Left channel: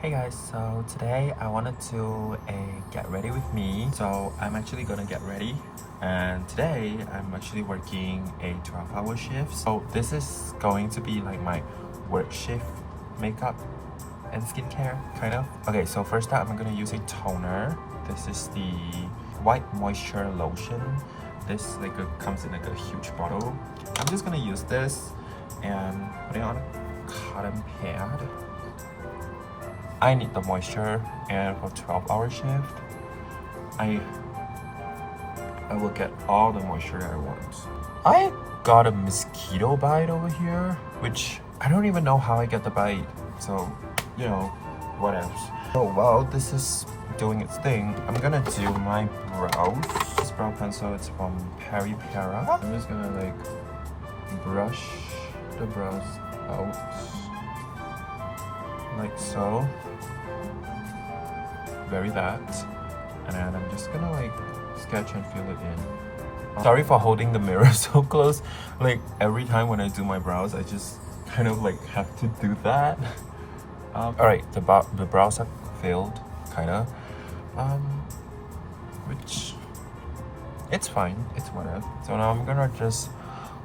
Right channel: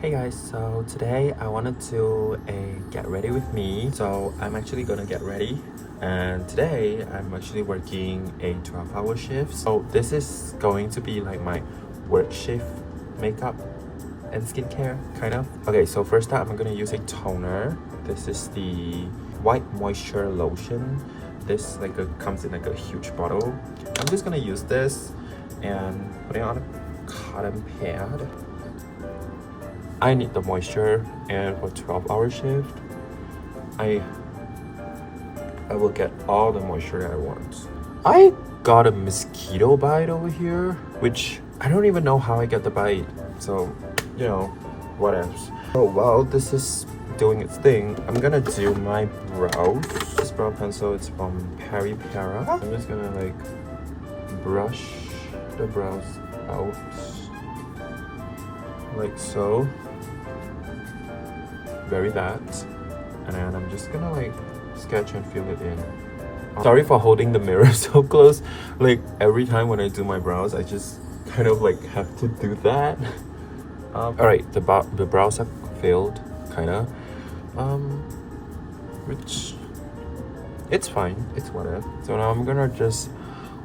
Hey guys, so today I wanted to get ready with me. So I'm actually gonna get ready, and today I'm actually working a 12-hour shift. So this is going to be like my work shift makeup and skincare kind of. Okay, so first up I'm gonna use a toner. This is the white moisture lotion. This comes in like a huge bottle. I'm just gonna use this and put it on a cotton pad. I need the moisture, and for 12-hour shift I will get all the moisture that I want. I got a mosquito bite over here, which I don't even know how I get the bite, so you know, what else. Oh well, this is doing its thing. I'm gonna do my brows. This brow pencil, it's from Peri Para. I'm just gonna like brush the brows out like so. Very that, and then I'm just gonna like sketch and fill it in. Sorry for holding the mirror so close. Like every time when I do my brows, I just kind of like have to do that. All right, the brows have filled, kinda, which it's fine. It's whatever. So now I'm gonna just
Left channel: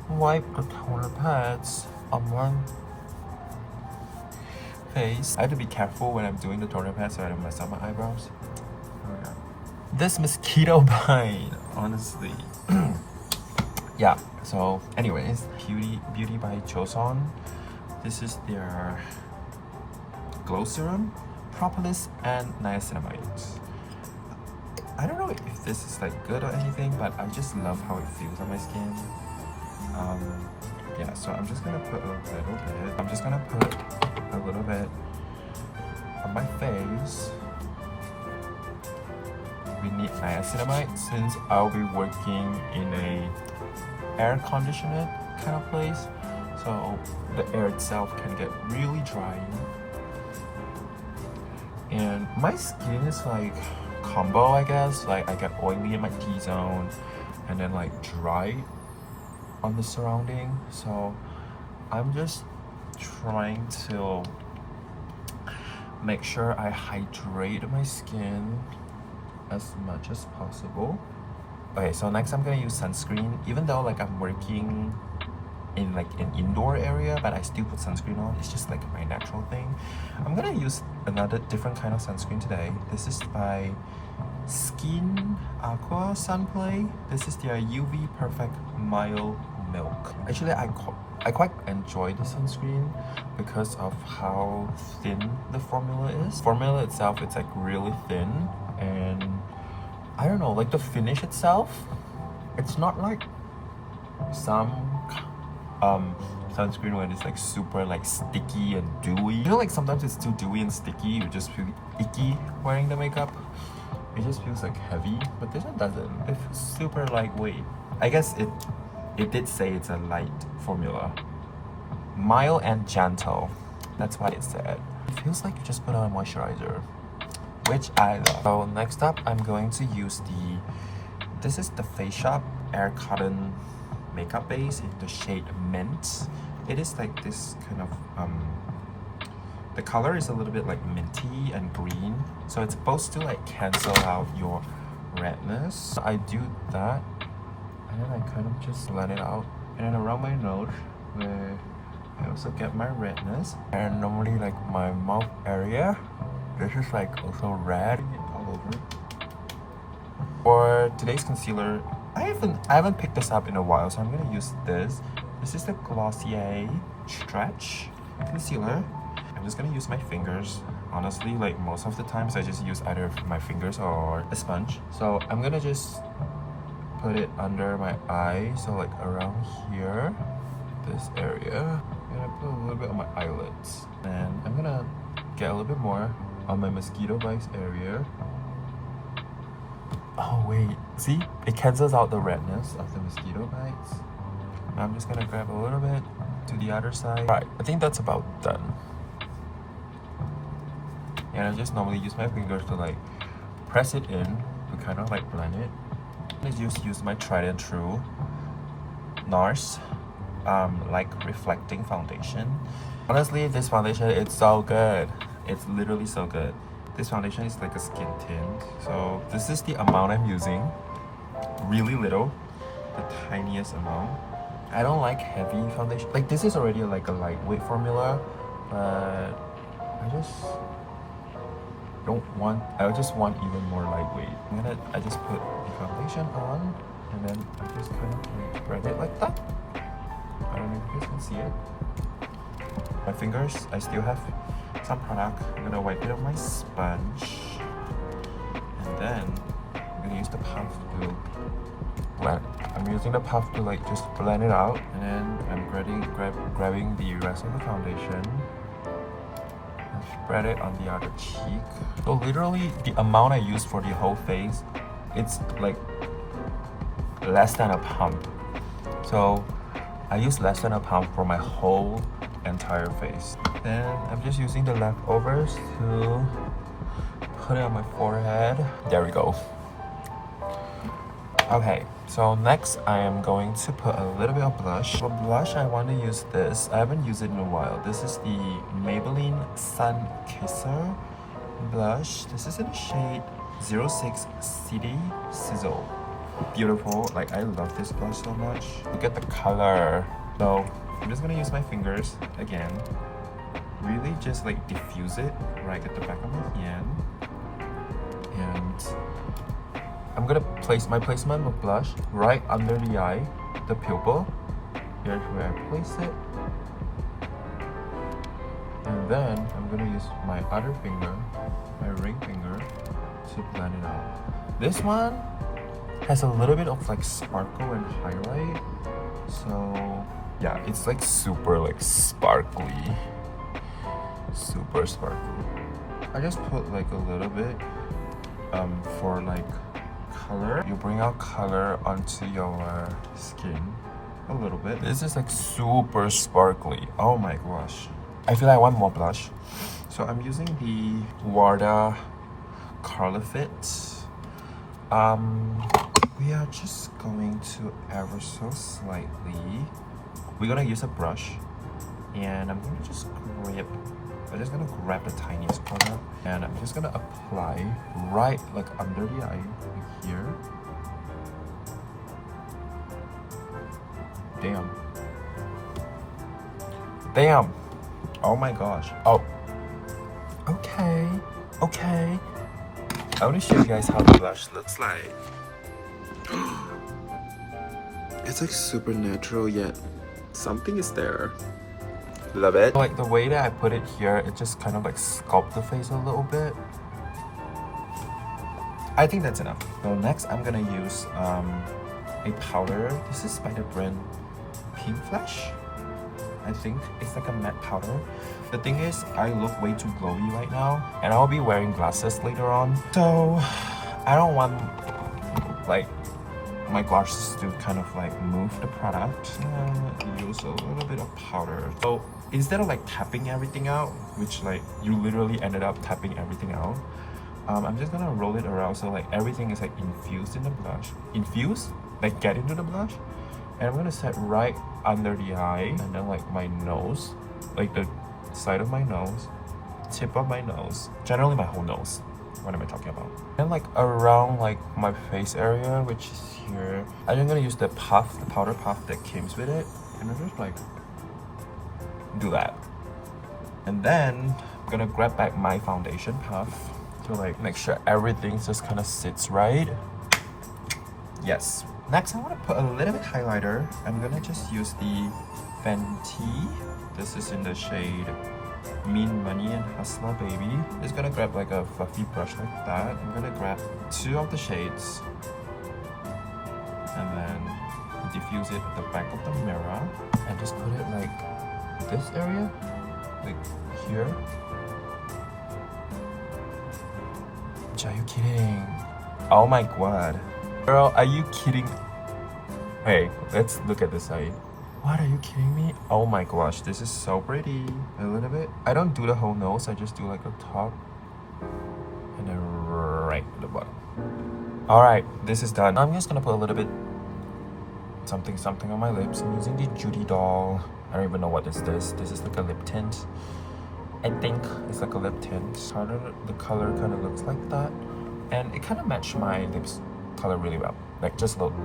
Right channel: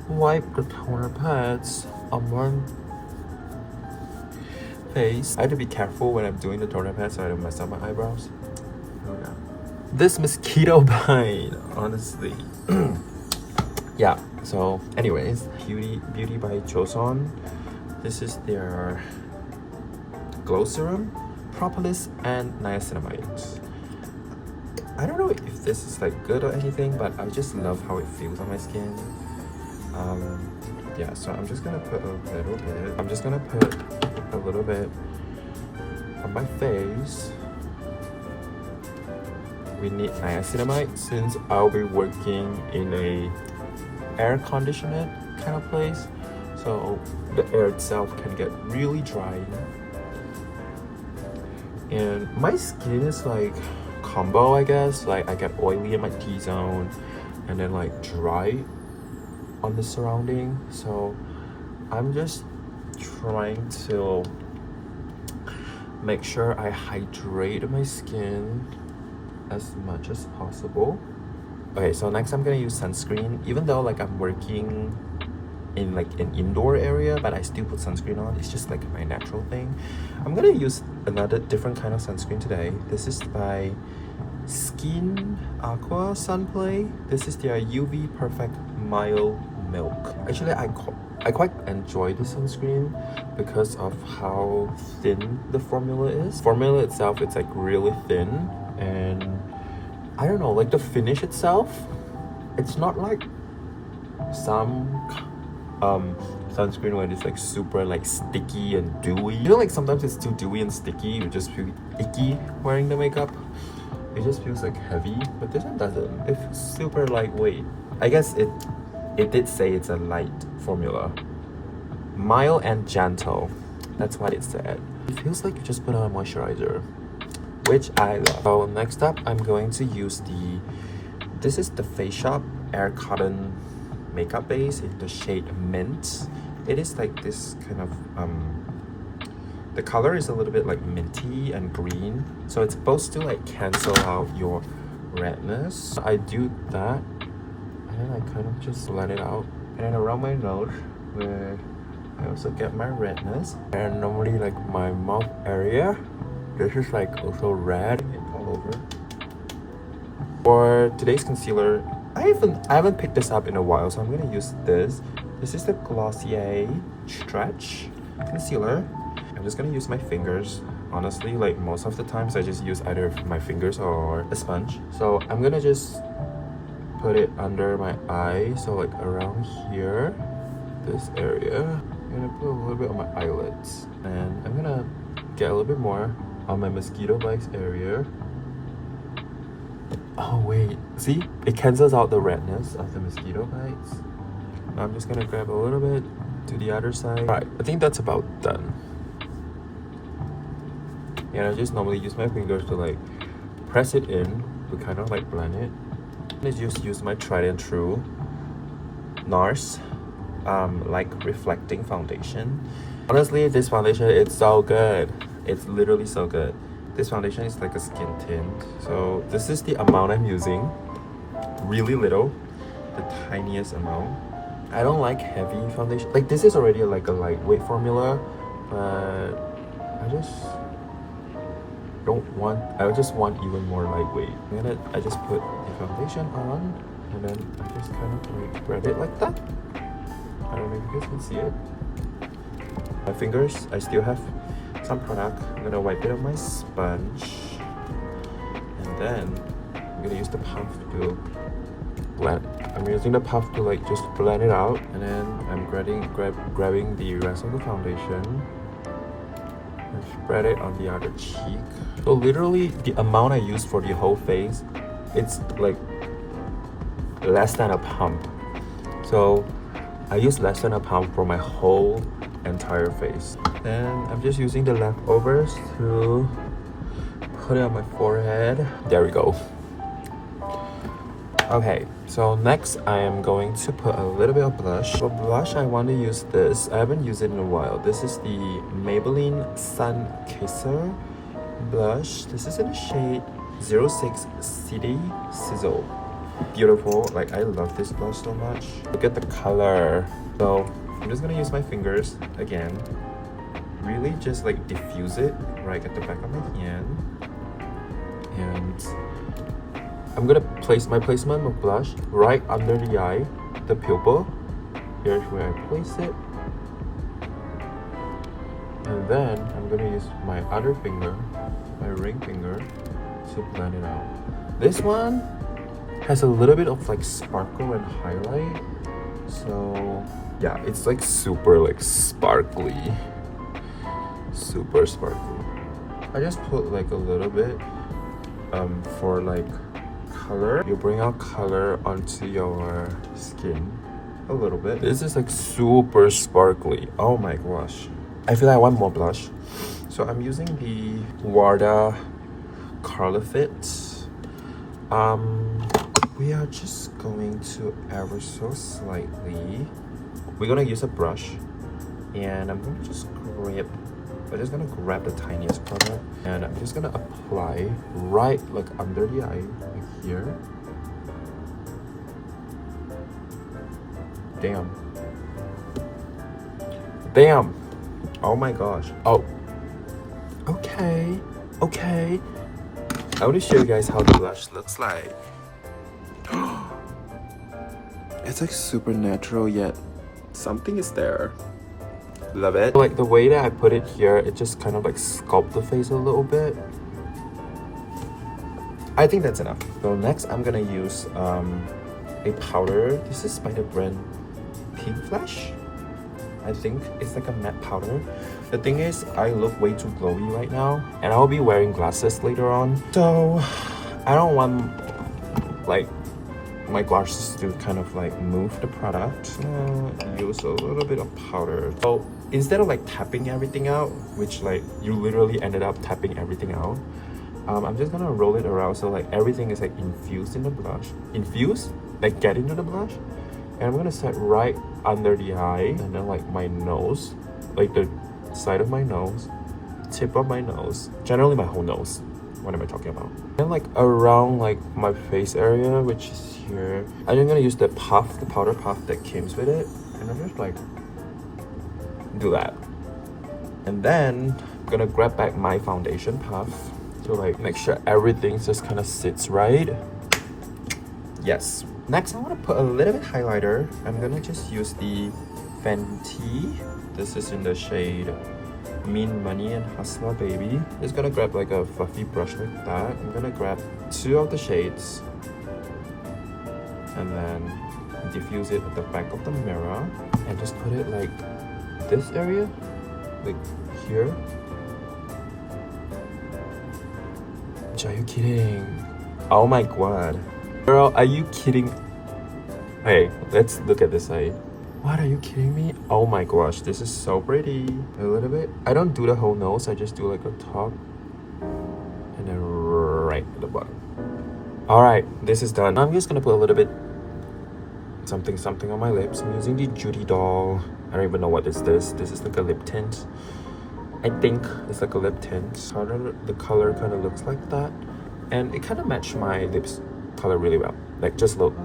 wipe the toner pads on my face. I have to be careful when I'm doing the toner pad so I don't mess up my eyebrows. Here we go. This mosquito bite, honestly. Yeah, so anyways, Beauty by xoxo. This is their glow serum, propolis and niacinamide. I don't know if this is like good or anything, but I just love how it feels on my skin. Yeah, so I'm just gonna put a little bit. I'm just gonna put a little bit on my face. We need niacinamide since I'll be working in a air conditioned kind of place, so the air itself can get really dry. And my skin is like combo, I guess. Like I get oily in my T-zone and then like dry on the surrounding. So I'm just trying to make sure I hydrate my skin as much as possible. Okay, so next I'm gonna use sunscreen. Even though like I'm working in like an indoor area, but I still put sunscreen on. It's just like my natural thing. I'm gonna use another different kind of sunscreen today. This is by Skin Aqua Sunplay. This is their UV Perfect Mild Milk. Actually, I quite enjoy the sunscreen because of how thin the formula is. Formula itself, it's like really thin, and I don't know, like the finish itself, it's not like some sunscreen where it's like super like sticky and dewy. You know, like sometimes it's too dewy and sticky, you just feel icky wearing the makeup. It just feels like heavy, but this one doesn't. It feels super lightweight. I guess it did say it's a light formula. Mild and gentle. That's what it said. It feels like you just put on a moisturizer, which I love. So next up, I'm going to use this is the Face Shop Air Cotton makeup base in the shade Mint. It is like this kind of the color is a little bit like minty and green, so it's supposed to like cancel out your redness. I do that, and then I kind of just blend it out, and then around my nose where I also get my redness, and normally like my mouth area, this is like also red all over. For today's concealer, I haven't picked this up in a while, so I'm gonna use this. This is the Glossier Stretch Concealer. I'm just gonna use my fingers. Honestly, like most of the times I just use either my fingers or a sponge. So I'm gonna just put it under my eye, so like around here, this area. I'm gonna put a little bit on my eyelids, and I'm gonna get a little bit more on my mosquito bites area. Oh wait, see? It cancels out the redness of the mosquito bites. Now I'm just gonna grab a little bit to the other side. Alright, I think that's about done. And I just normally use my fingers to like press it in to kind of like blend it. I just use my tried and true NARS like reflecting foundation. Honestly, this foundation, it's so good. It's literally so good. This foundation is like a skin tint. So this is the amount I'm using. Really little. The tiniest amount. I don't like heavy foundation. Like this is already like a lightweight formula, but I just want even more lightweight. I just put the foundation on and then I just kind of like spread it like that. I don't know if you guys can see it. My fingers, I still have some product. I'm gonna wipe it on my sponge. And then I'm gonna use the puff to blend. I'm using the puff to like just blend it out. And then I'm grabbing the rest of the foundation and spread it on the other cheek. So literally the amount I use for the whole face, it's like less than a pump. So I use less than a pump for my whole entire face. Then I'm just using the leftovers to put it on my forehead. There we go. Okay, so next I am going to put a little bit of blush. For blush, I want to use this. I haven't used it in a while. This is the Maybelline Sun Kisser blush. This is in the shade 06 City Sizzle. Beautiful. Like, I love this blush so much. Look at the color. So I'm just gonna use my fingers again. Really just like diffuse it right at the back of my hand. And I'm gonna place my placement of blush right under the eye, the pupil. Here's where I place it. And then I'm gonna use my other finger, my ring finger, to blend it out. This one has a little bit of like sparkle and highlight. So yeah, it's like super like sparkly. Super sparkly. I just put like a little bit for like color. You bring out color onto your skin a little bit. This is like super sparkly. Oh my gosh. I feel like I want more blush. So I'm using the Warda Color Fit. We are just going to ever so slightly. We're gonna use a brush and I'm gonna just grab the tiniest product and I'm just gonna apply right like under the eye, like here. Damn. Oh my gosh. Oh. Okay. I want to show you guys how the blush looks like. It's like super natural yet something is there. Love it. Like the way that I put it here, it just kind of like sculpt the face a little bit. I think that's enough. So next I'm gonna use a powder. This is by the brand Pink Flash. I think it's like a matte powder. The thing is, I look way too glowy right now and I'll be wearing glasses later on. So I don't want like my glasses to kind of like move the product. Use a little bit of powder. So instead of like tapping everything out, which like you literally ended up tapping everything out, I'm just gonna roll it around so like everything is like infused in the blush. Infused? Like get into the blush. And I'm gonna set right under the eye and then like my nose, like the side of my nose, tip of my nose, generally my whole nose. What am I talking about? And like around like my face area, which is here. I'm gonna use the puff, the powder puff that comes with it, and I'm just like do that. And then I'm gonna grab back my foundation puff to like make sure everything just kind of sits right. Yes. Next, I want to put a little bit highlighter. I'm gonna just use the Fenty. This is in the shade Mean Money and Hustler Baby. Just gonna grab like a fluffy brush like that. I'm gonna grab 2 of the shades and then diffuse it at the back of the mirror and just put it like this area, like here. Are you kidding? Oh my god. Girl, are you kidding? Hey, let's look at this side. What, are you kidding me? Oh my gosh, this is so pretty. A little bit. I don't do the whole nose, I just do like a top and then right at the bottom. Alright, this is done. I'm just gonna put a little bit something on my lips. I'm using the Judy doll. I don't even know what is this. This is like a lip tint. I think it's like a lip tint. The color kind of looks like that. And it kind of matched my lips color really well. Like just a little.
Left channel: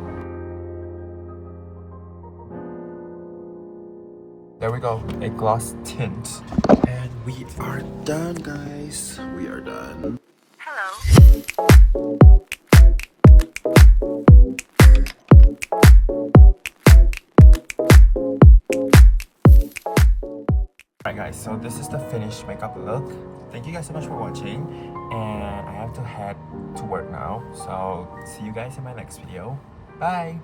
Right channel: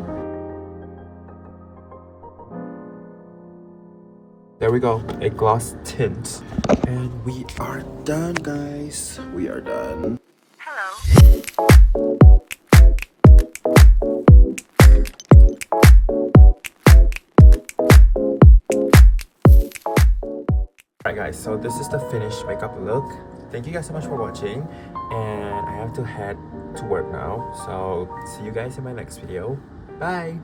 There we go, a gloss tint. And we are done, guys. We are done. Alright guys, so this is the finished makeup look. Thank you guys so much for watching. And I have to head to work now. So see you guys in my next video. Bye!